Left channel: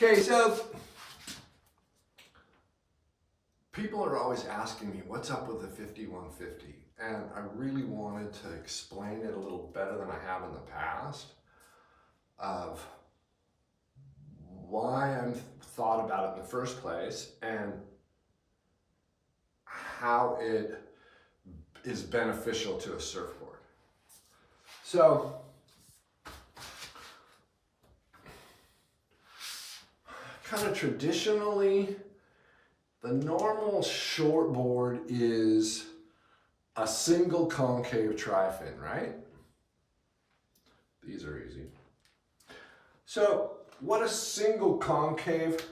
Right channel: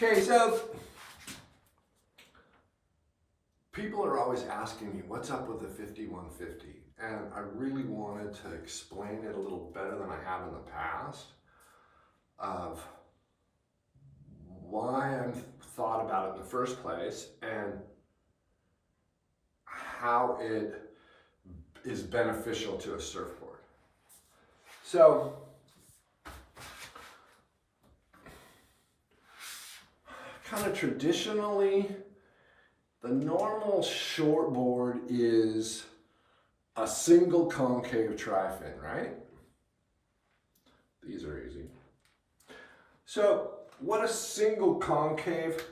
Okay, so people are always asking me what's up with the 5150, and I really wanted to explain it a little better than I have in the past of why I thought about it in the first place and how it is beneficial to a surfboard. So kind of traditionally, the normal shortboard is a single concave tri-fin, right? These are easy. So what a single concave,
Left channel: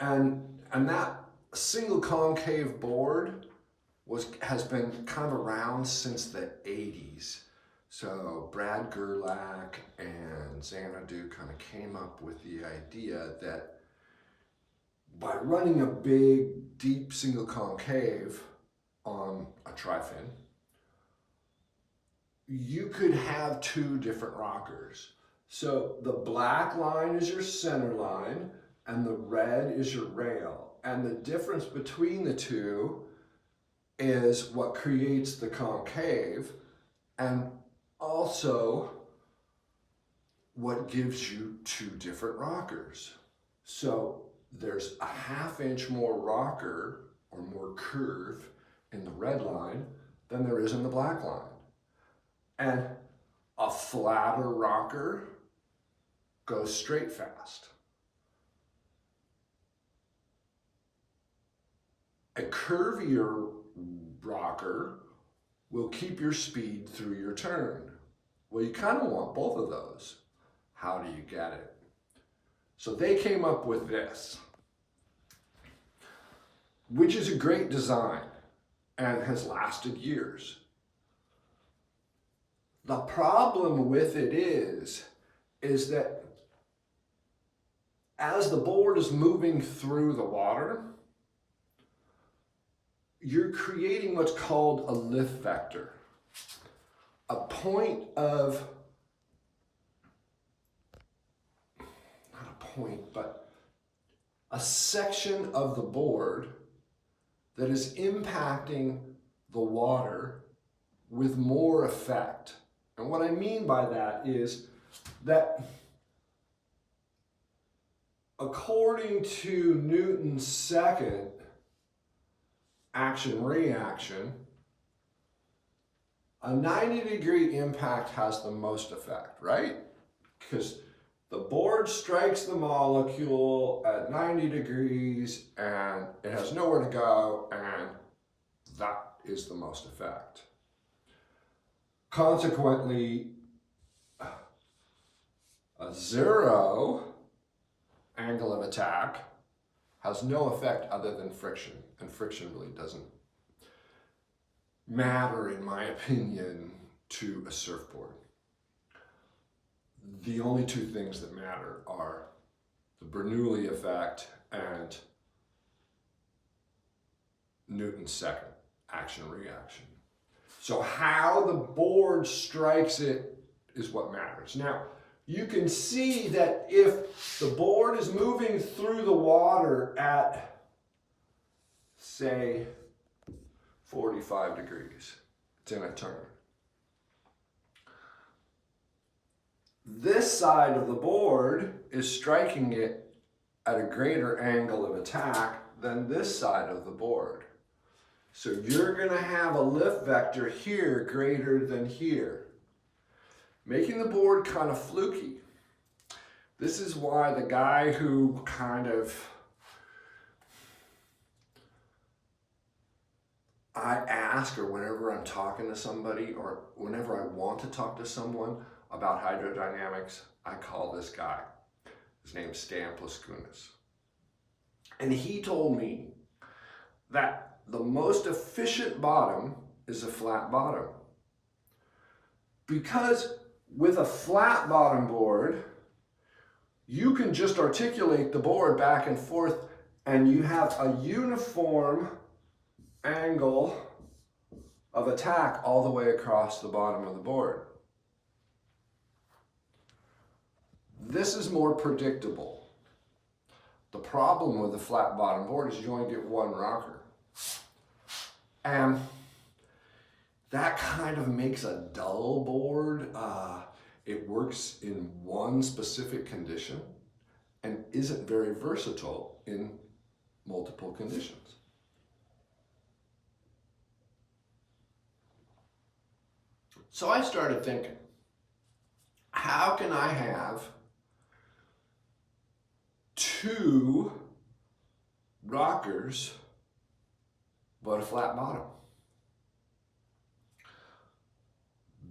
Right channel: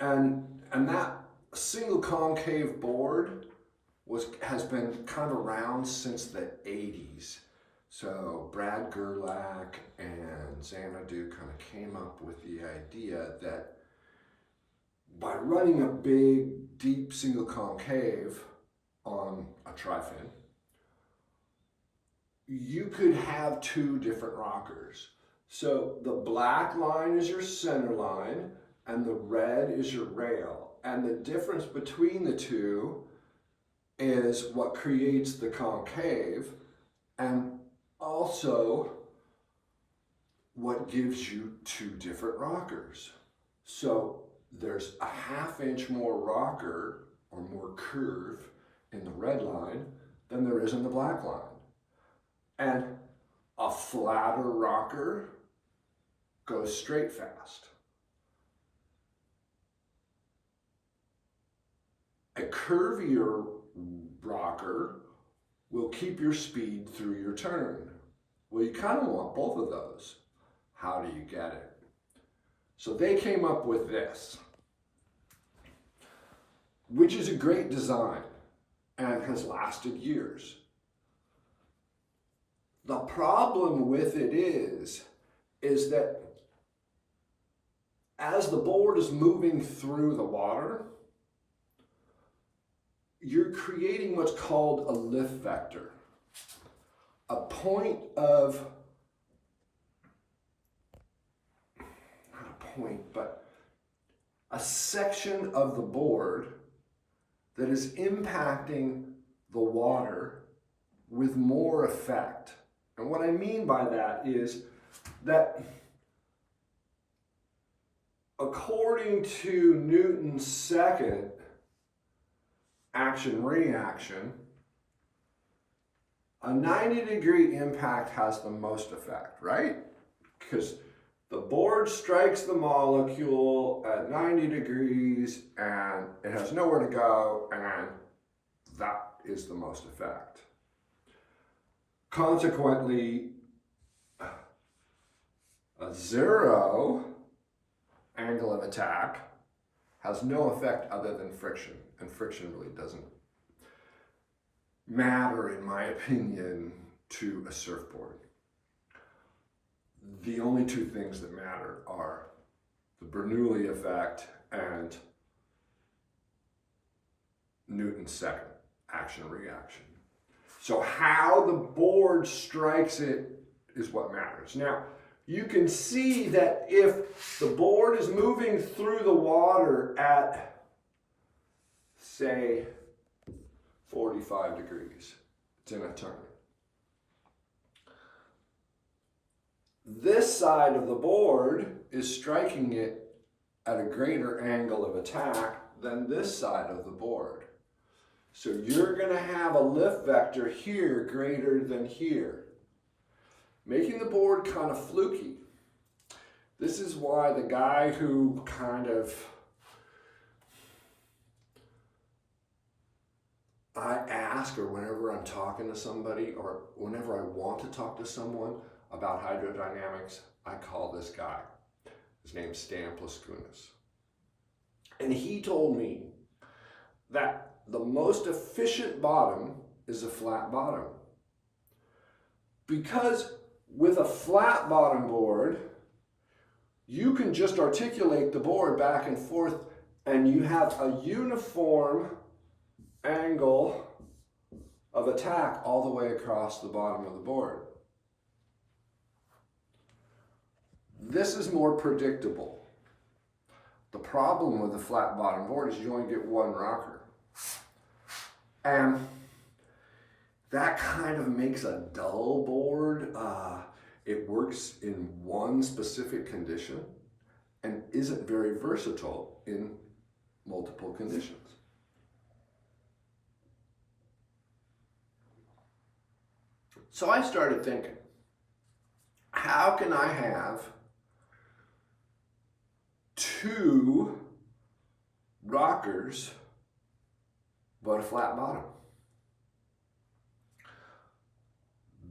and that single concave board has been kind of around since the 80s. So Brad Gerlach and Xanadu kind of came up with the idea that by running a big, deep single concave on a tri-fin, you could have two different rockers. So the black line is your center line and the red is your rail. And the difference between the two is what creates the concave and also what gives you two different rockers. So there's a 1/2 inch more rocker or more curve in the red line than there is in the black line. And a flatter rocker goes straight fast. A curvier rocker will keep your speed through your turn. Well, you kind of want both of those. How do you get it? So they came up with this, which is a great design and has lasted years. The problem with it is that as the board is moving through the water, you're creating what's called a lift vector, a point of, not a point, but a section of the board that is impacting the water with more effect. And what I mean by that is that according to Newton's second action-reaction, a 90-degree impact has the most effect, right? Because the board strikes the molecule at 90 degrees and it has nowhere to go, and that is the most effect. Consequently, a 0 angle of attack has no effect other than friction, and friction really doesn't matter, in my opinion, to a surfboard. The only two things that matter are the Bernoulli effect and Newton's second action-reaction. So how the board strikes it is what matters. Now, you can see that if the board is moving through the water at, say, 45 degrees, it's in a turn. This side of the board is striking it at a greater angle of attack than this side of the board. So you're going to have a lift vector here greater than here, making the board kind of fluky. This is why the guy who kind of, I ask, or whenever I'm talking to somebody, or whenever I want to talk to someone about hydrodynamics, I call this guy. His name's Stan Plaskunas. And he told me that the most efficient bottom is a flat bottom. Because with a flat bottom board, you can just articulate the board back and forth and you have a uniform angle of attack all the way across the bottom of the board. This is more predictable. The problem with the flat bottom board is you only get one rocker. And that kind of makes a dull board. It works in one specific condition and isn't very versatile in multiple conditions. So I started thinking, how can I have two rockers but a flat bottom?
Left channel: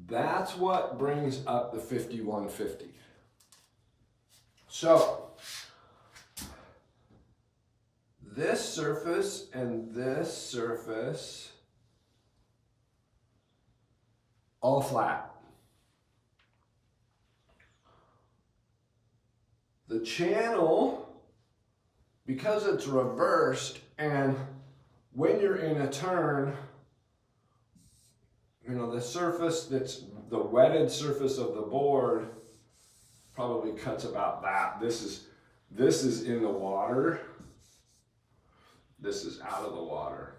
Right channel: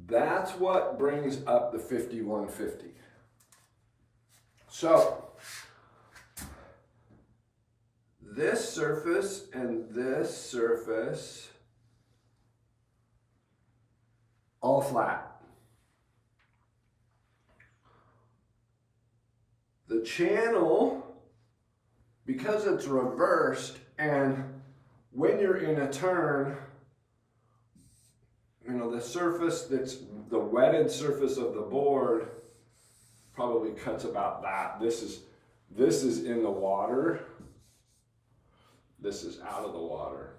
That's what brings up the 5150. So this surface and this surface all flat. The channel, because it's reversed, and when you're in a turn, you know, the surface that's the wetted surface of the board probably cuts about that. This is in the water. This is out of the water.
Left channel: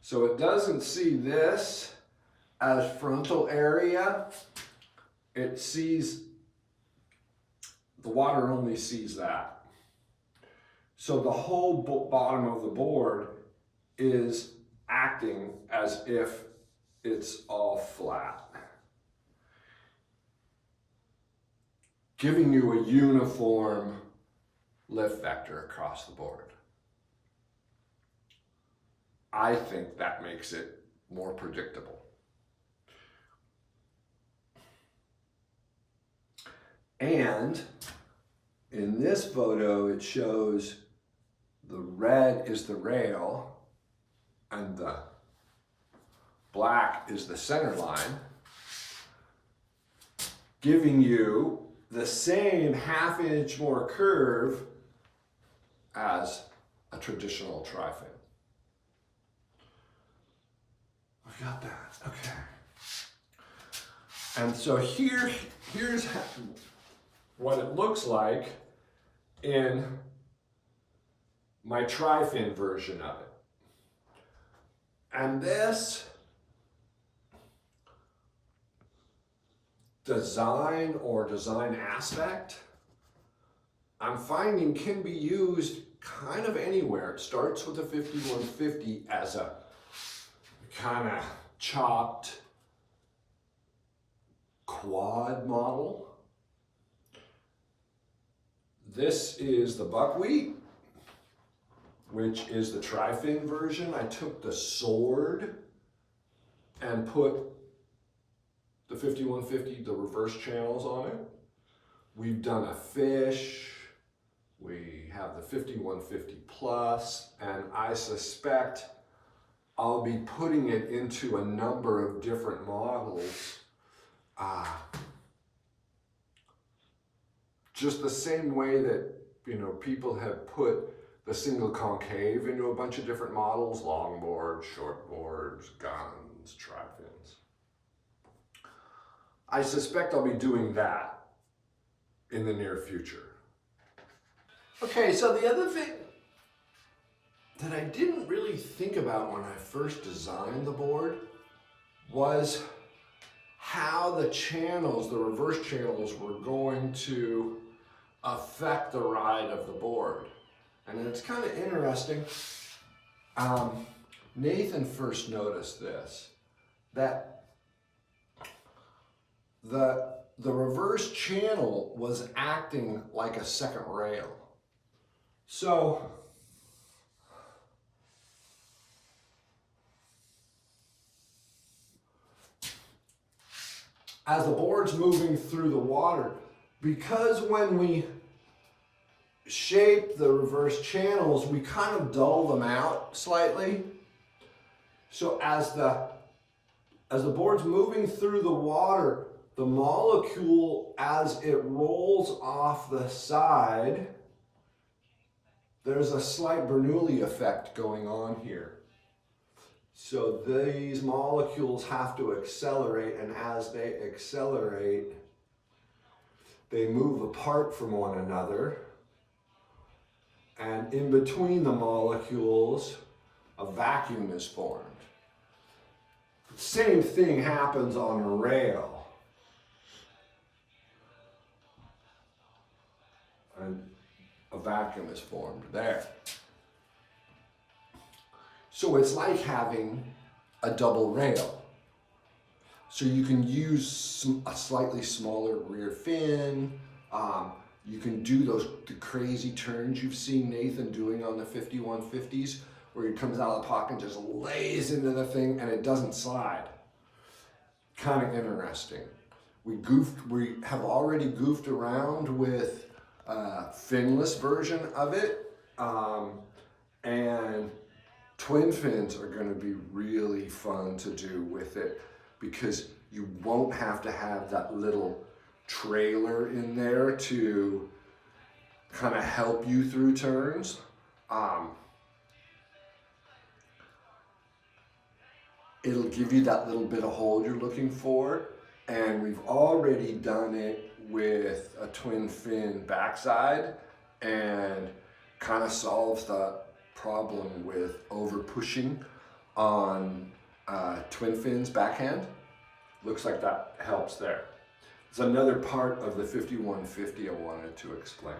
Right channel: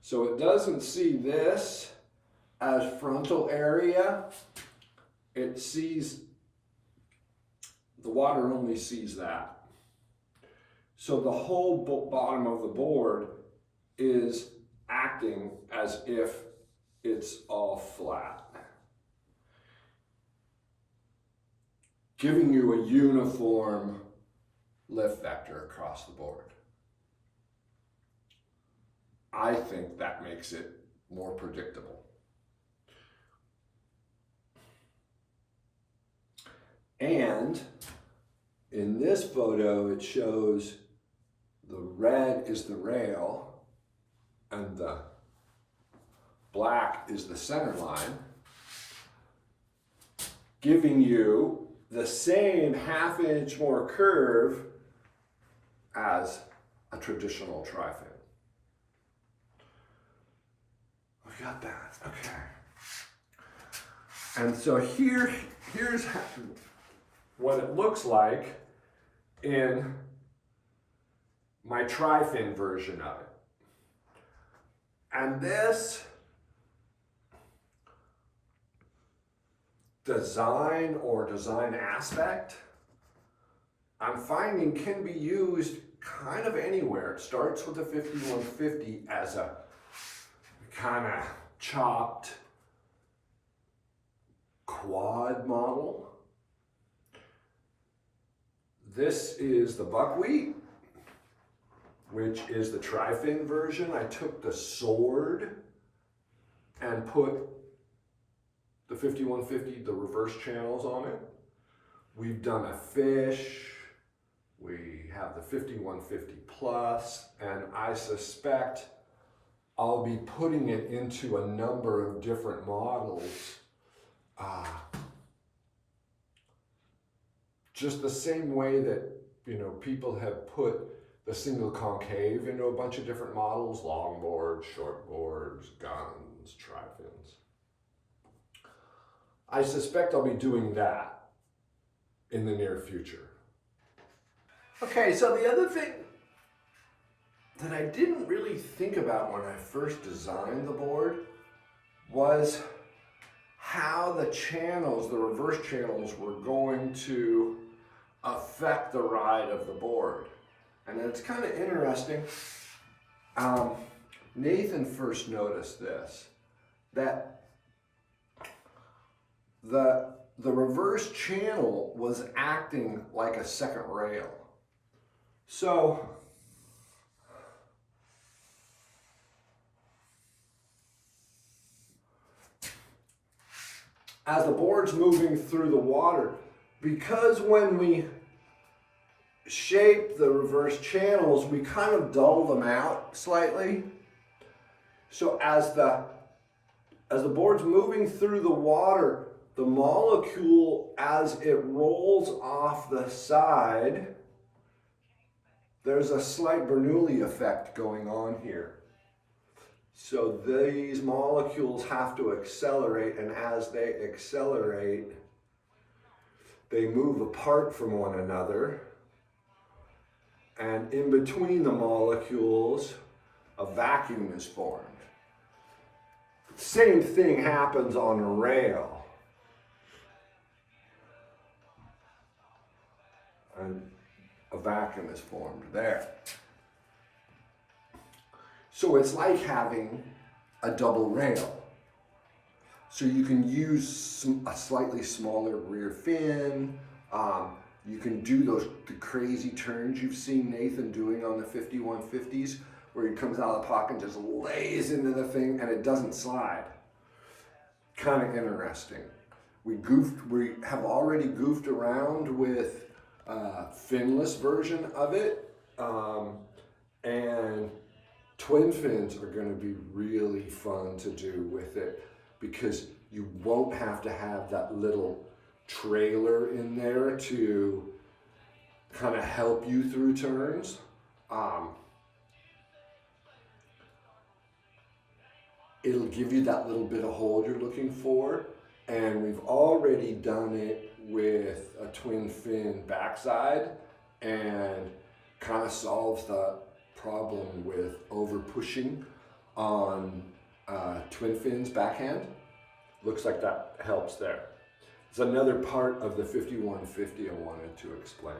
So it doesn't see this as frontal area. It sees, the water only sees that. So the whole bottom of the board is acting as if it's all flat, giving you a uniform lift vector across the board. I think that makes it more predictable. And in this photo, it shows the red is the rail and the black is the center line, giving you the same ½ inch more curve as a traditional tri-fin. We got that, okay. And so here's what it looks like in my tri-fin version of it. And this design or design aspect, I'm finding can be used kind of anywhere. It starts with the 5150 as a kind of chopped quad model. This is the Buckwheat, which is the tri-fin version. I took the sword and put the 5150, the reverse channels on it. We've done a fish. We have the 5150 plus, and I suspect I'll be putting it into a number of different models. Just the same way that, you know, people have put the single concave into a bunch of different models, longboards, shortboards, guns, tri-fins. I suspect I'll be doing that in the near future. Okay, so the other thing that I didn't really think about when I first designed the board was how the channels, the reverse channels, were going to affect the ride of the board. And it's kind of interesting. Nathan first noticed this, that the reverse channel was acting like a second rail. So as the board's moving through the water, because when we shape the reverse channels, we kind of dull them out slightly. So as the board's moving through the water, the molecule, as it rolls off the side, there's a slight Bernoulli effect going on here. So these molecules have to accelerate, and as they accelerate, they move apart from one another, and in between the molecules, a vacuum is formed. Same thing happens on a rail. And a vacuum is formed there. So it's like having a double rail. So you can use a slightly smaller rear fin. You can do the crazy turns you've seen Nathan doing on the 5150s, where he comes out of the pocket and just lays into the thing and it doesn't slide. Kind of interesting. We have already goofed around with a finless version of it, and twin fins are going to be really fun to do with it, because you won't have to have that little trailer in there to kind of help you through turns. It'll give you that little bit of hold you're looking for, and we've already done it with a twin fin backside, and kind of solves the problem with over pushing on twin fins backhand. Looks like that helps there. There's another part of the 5150 I wanted to explain.